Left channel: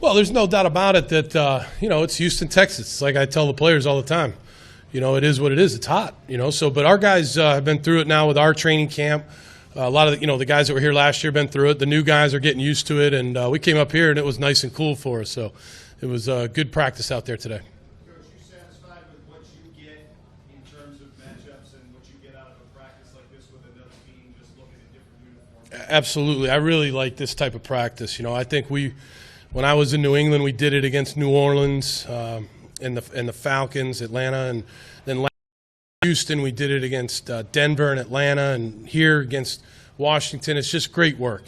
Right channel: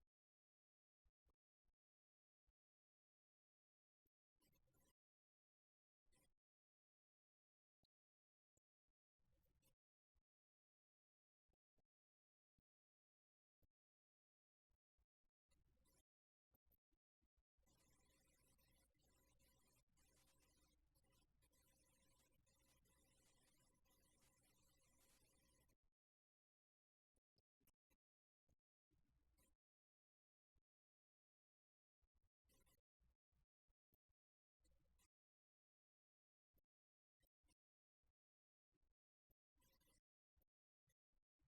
Well, there's no doubt about it that, it's Houston, Texas. It's like I tell the players all the time. It is what it is. It's hot, but our guys have been through it now with our training camp. A lot of, the guys that were here last year have been through it. The new guys are getting used to it, and we came up here, and it was nice and cool for us. So it was good practice out there today. Coach, you satisfied with what you get in terms of matchups and what you get out of a practice like this with another team, just looking at different uniforms? Absolutely. I really like this type of practice. I think when I was in New England, we did it against New Orleans and the Falcons, Atlanta, and then Houston, we did it against Denver and Atlanta, and here against Washington. It's just great work.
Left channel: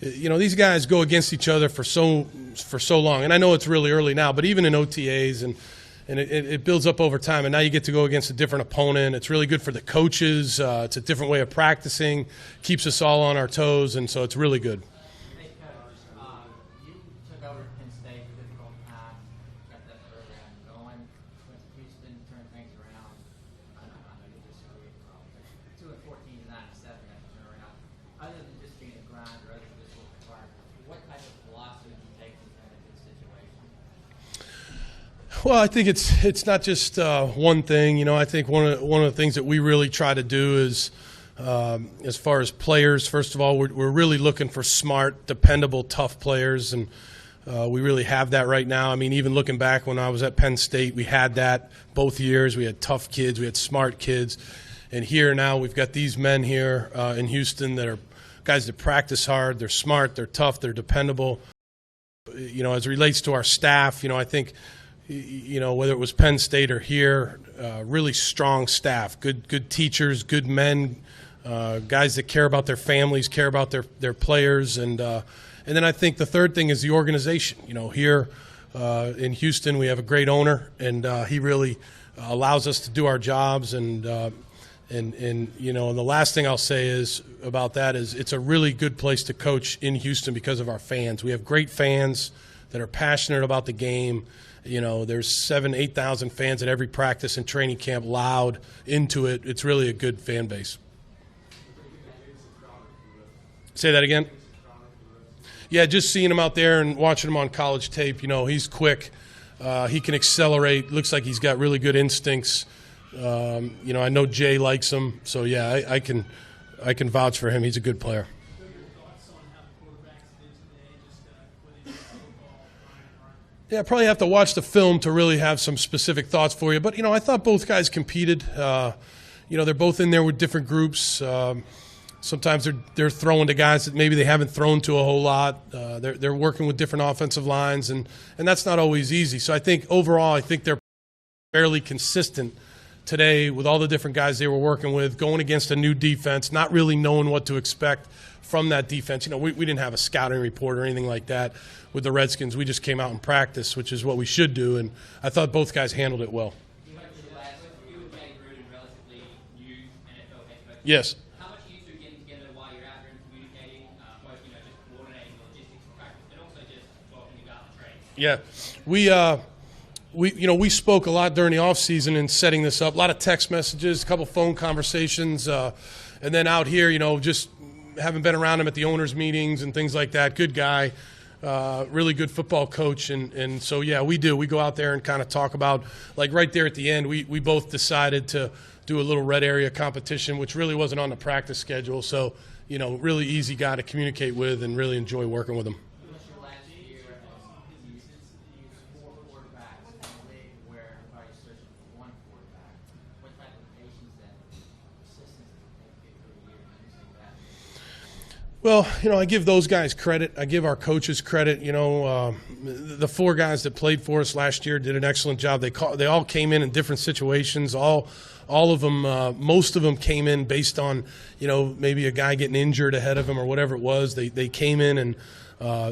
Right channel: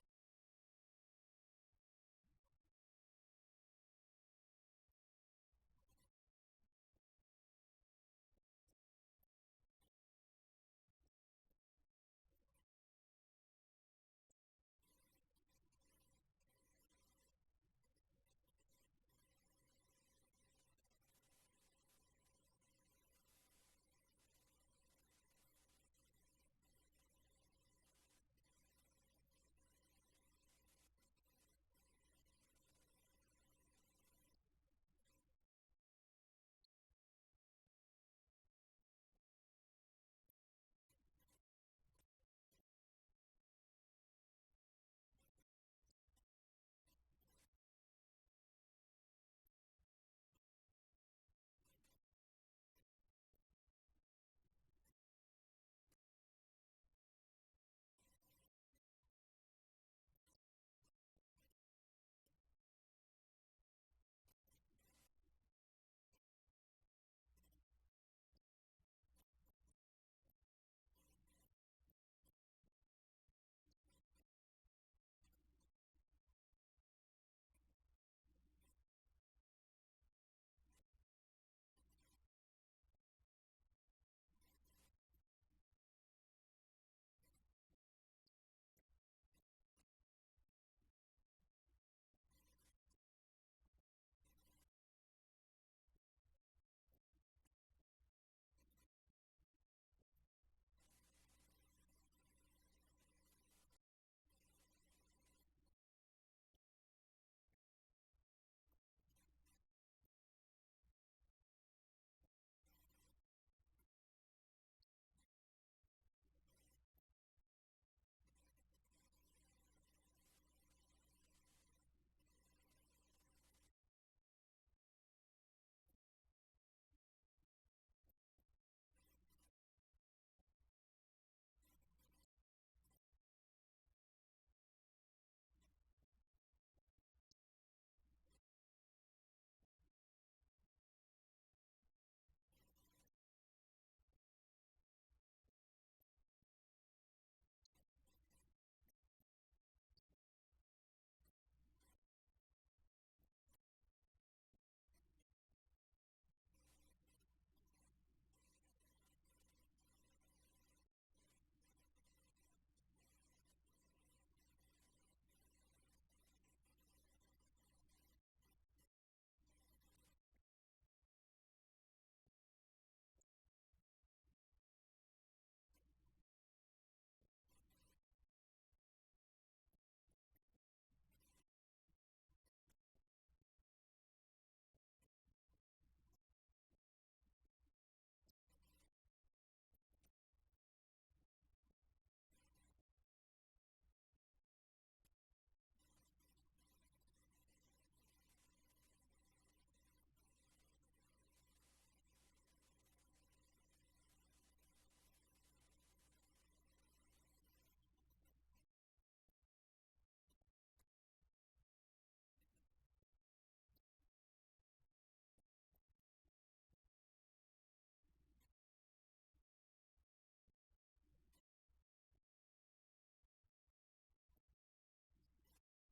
These guys go against each other for so long, and I know it's really early now, but even in OTAs, and it builds up over time, and now you get to go against a different opponent. It's really good for the coaches. It's a different way of practicing, keeps us all on our toes, and so it's really good. Well, I think it's not just one thing. I think one of the things that we really try to do is, as far as players, first of all, we're really looking for smart, dependable, tough players, and we really have that right now. I mean, even looking back when I was at Penn State, we had that both years. We had tough kids, we had smart kids, and here now we've got these men here in Houston that are guys that practice hard. They're smart, they're tough, they're dependable. As it relates to our staff, I think. Whether it was Penn State or here, really strong staff, good teachers, good men, guys that care about their families, care about their players, and then I think the third thing is the organization. Here in Houston, we have a great owner, and he really allows us to do our jobs, and the last thing I'll say is about that is it's a really good place to coach in Houston because of our fans. We have great fans that are passionate about the game. There's 7,000-8,000 fans at every practice and training camp, loud, into it. It's really a good fan base. Say that again? Yeah, just seeing him out there and watching him on college tape, he's quick. He can accelerate. Looks like he's got really good instincts. I know Jay likes him. So, yeah, I can vouch for him. He's a good player. Yeah, I probably have to watch the film to really have some specific thoughts for you. But, I thought both guys competed. They're both in there with different groups. Sometimes they're throwing to guys that maybe they haven't thrown to a whole lot. They're working with different offensive lines, and that's not always easy. So I think overall, I think they're fairly consistent today with all the different guys they were working with, going against a new defense, not really knowing what to expect from that defense. We didn't have a scouting report or anything like that with the Redskins. We just came out and practiced, which is what we should do, and I thought both guys handled it well. Yes. How much are you two getting together while you're out there and communicating, both just coordinating logistics and practice, but also just talking about the trades? Yeah, we spoke a lot during the off season in setting this up. A lot of text messages, a couple phone conversations, and then out here, just having been around him at the owners' meetings and things like that. Good guy. Really good football coach, and so, yeah, we do. We go out there and kind of talk about, like right there at the end, we both decided to do a little red area competition, which really wasn't on the practice schedule. So, really easy guy to communicate with and really enjoy working with him. Well, I give those guys credit. I give our coaches credit. The four guys that played for us last year did an excellent job. They all came in different situations. All of them, most of them came in based on, maybe a guy getting injured ahead of them or whatever it was. They came in and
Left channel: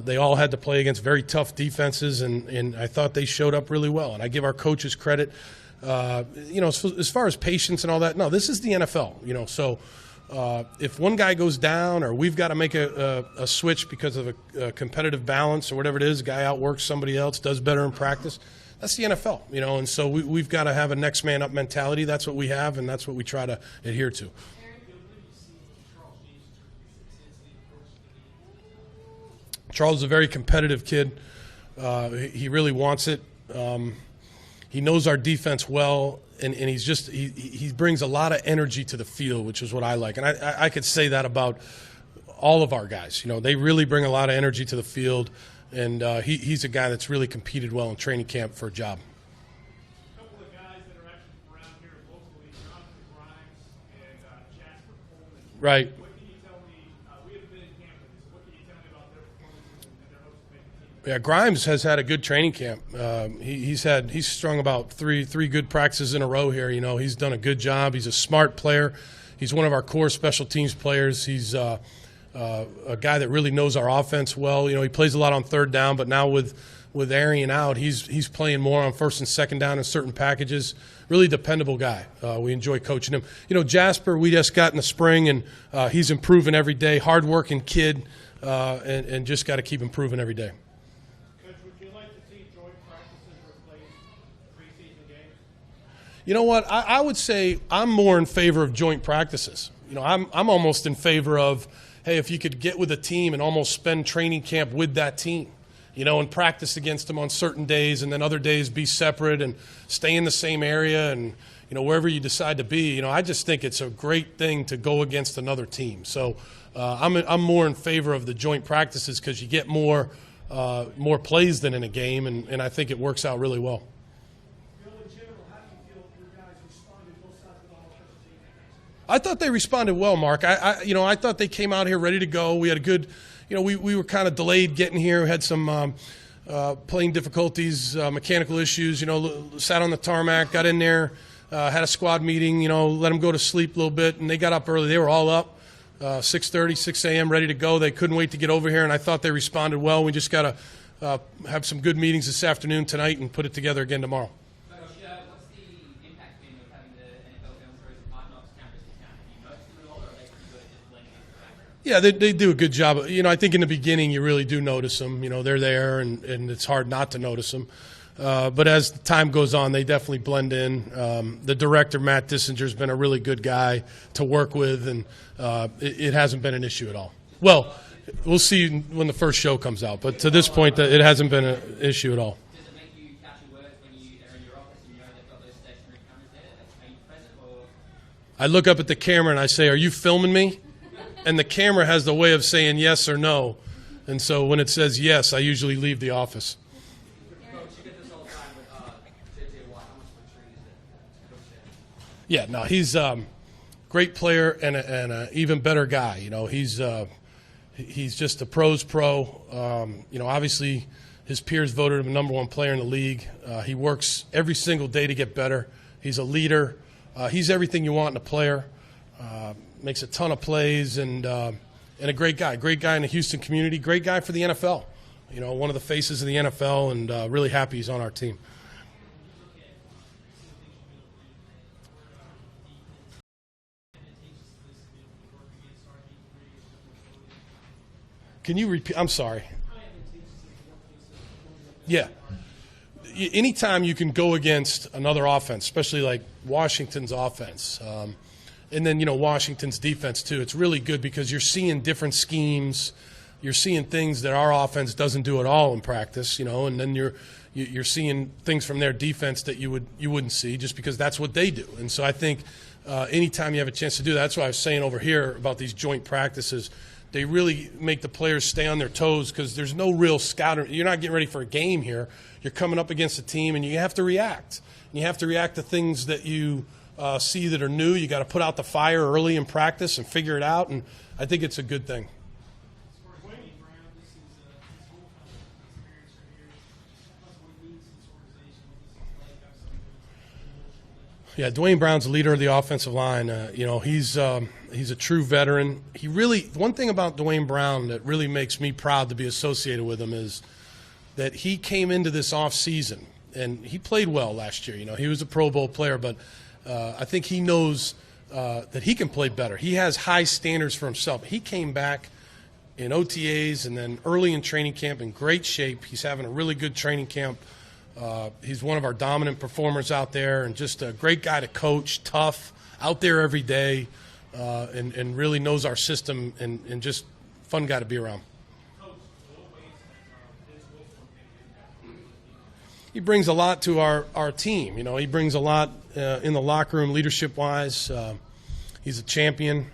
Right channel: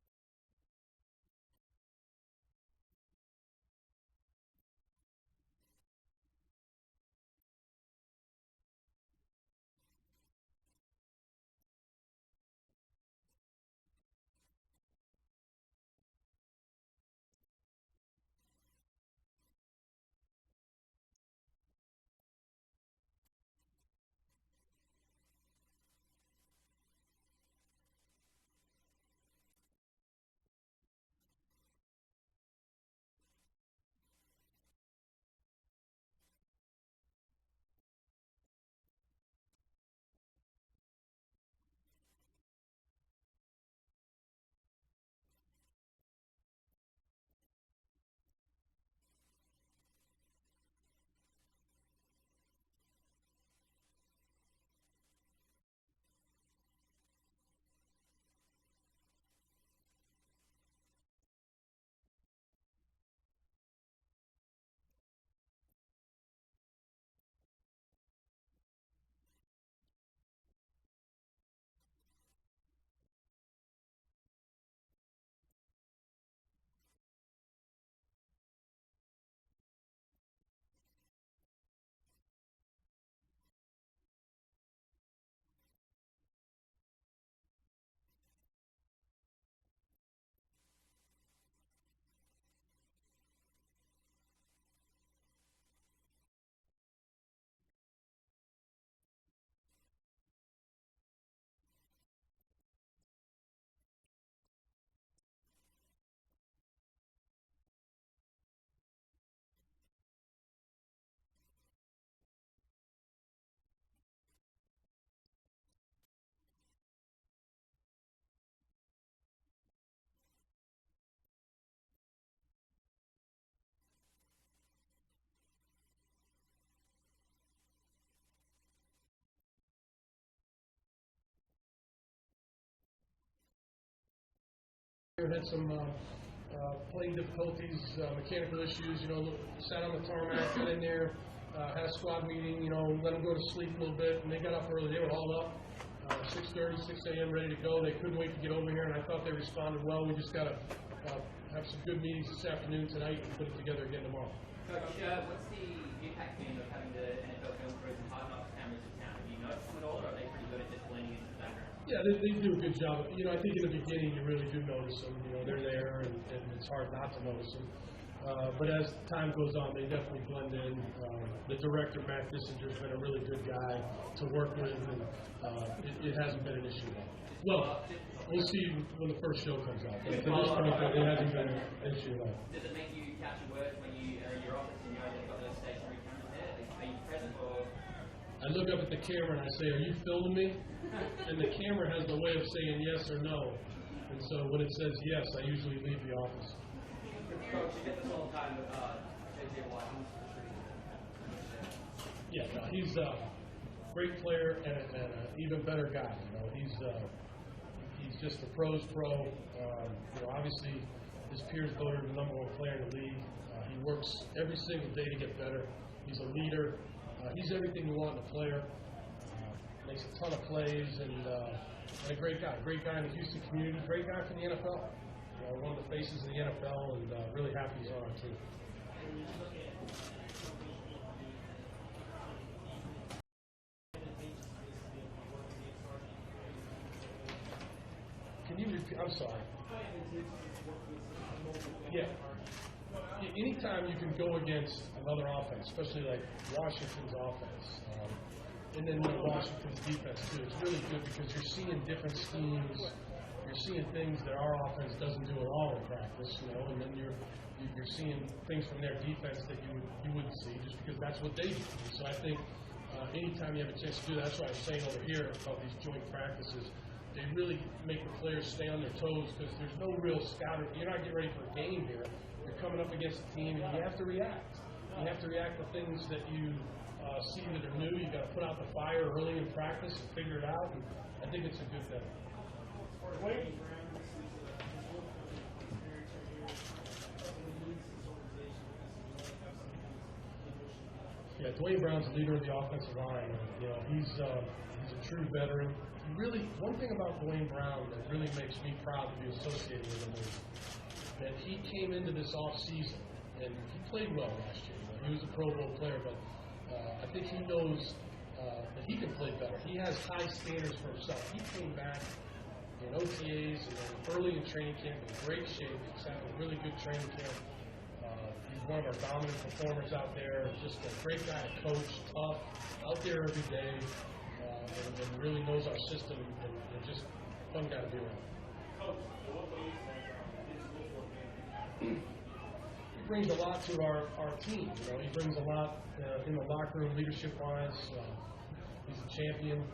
they all had to play against very tough defenses, and I thought they showed up really well. And I give our coaches credit. As far as patience and all that, no, this is the NFL, so. If one guy goes down or we've got to make a switch because of a competitive balance or whatever it is, a guy outworks somebody else, does better in practice, that's the NFL, and so we've got to have a next man up mentality. That's what we have, and that's what we try to adhere to. Charles is a very competitive kid. He really wants it. He knows our defense well, and he brings a lot of energy to the field, which is what I like. And I could say that about all of our guys. They really bring a lot of energy to the field, and he's a guy that's really competed well in training camp for a job. A couple of guys that are actually from around here locally, Jonathan Grimes and Jasper Coleman. Right. What can you tell me? We haven't been in camp with this. What can you tell me about their performances and their hopes to make the team? Yeah, Grimes has had a good training camp. He's strung about three good practices in a row here. He's done a good job. He's a smart player. He's one of our core special teams players. He's a guy that really knows our offense well. He plays a lot on third down, but now with Arian out, he's playing more on first and second down in certain packages. Really dependable guy. We enjoy coaching him. Jasper, we just got in the spring, and he's improving every day. Hard-working kid, and just got to keep improving every day. Coach, would you like to see joint practices replace preseason games? You know what? I would say I'm more in favor of joint practices. I'm almost in favor of, hey, if you could get with a team and almost spend training camp with that team, and practice against them on certain days, and then other days be separate and stay in the same area and, wherever you decide to be. I just think it's a great thing to go against another team. So I'm more in favor of the joint practices because you get more plays than in a game, and I think it works out really well. Bill, in general, how do you feel your guys responded both sides of the ball offensive team? I thought they responded well, Mark. I thought they came out here ready to go. We had a good, we were kind of delayed getting here. We had some playing difficulties, mechanical issues. Sat on the tarmac, got in there, had a squad meeting. Let them go to sleep a little bit, and they got up early. They were all up, 6:30, 6 a.m., ready to go. They couldn't wait to get over here, and I thought they responded well. We just got to have some good meetings this afternoon, tonight, and put it together again tomorrow. Coach, what's the impact been of having the NFL film crews and hard knocks cameras in town? Have you noticed them at all, or are they pretty good at just blending into the background? Yeah, they do a good job. I think in the beginning you really do notice them. They're there, and it's hard not to notice them. But as time goes on, they definitely blend in. The director, Matt Dissinger, has been a really good guy to work with, and it hasn't been an issue at all. Well, we'll see when the first show comes out, but to this point, it hasn't been an issue at all. Does it make you catch your words when you are in your office and they've got those stationary cameras there? Are you present, or? I look up at the camera and I say, "Are you filming me?" And the camera has the way of saying yes or no. And so when it says yes, I usually leave the office. Yeah, no, he's a great player and an even better guy. He's just a pro's pro. Obviously his peers voted him #1 player in the league. He works every single day to get better. He's a leader. He's everything you want in a player. Makes a ton of plays and a great guy. Great guy in the Houston community. Great guy for the NFL. One of the faces of the NFL, and really happy he's on our team. Can you repeat? I'm sorry. Yeah. Anytime you can go against another offense, especially like Washington's offense, and then, Washington's defense too, it's really good because you're seeing different schemes. You're seeing things that our offense doesn't do at all in practice, and then you're seeing things from their defense that you wouldn't see just because that's what they do. And so I think anytime you have a chance to do that, that's why I was saying over here about these joint practices. They really make the players stay on their toes because there's no real scouting. You're not getting ready for a game here. You're coming up against a team, and you have to react. You have to react to things that you see that are new. You got to put out the fire early in practice and figure it out, and I think it's a good thing. Yeah, Dwayne Brown's the leader of the offensive line. He's a true veteran. One thing about Dwayne Brown that really makes me proud to be associated with him is that he came into this offseason, and he played well last year. He was a Pro Bowl player, but I think he knows that he can play better. He has high standards for himself. He came back in OTAs and then early in training camp in great shape. He's having a really good training camp. He's one of our dominant performers out there, and just a great guy to coach, tough, out there every day, and really knows our system, and just fun guy to be around. he brings a lot to our team. You know, he brings a lot in the locker room, leadership-wise. He's a champion.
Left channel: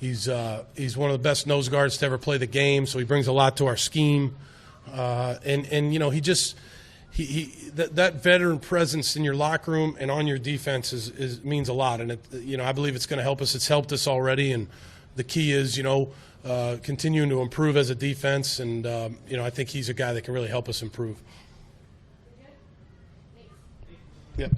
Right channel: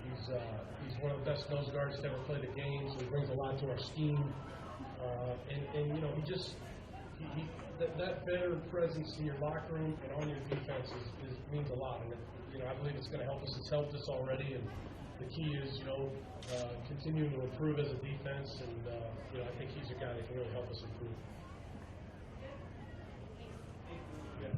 He's one of the best nose guards to ever play the game, so he brings a lot to our scheme. And you know, that veteran presence in your locker room and on your defense means a lot. And you know, I believe it's going to help us. It's helped us already, and the key is, you know, continuing to improve as a defense. And you know, I think he's a guy that can really help us improve.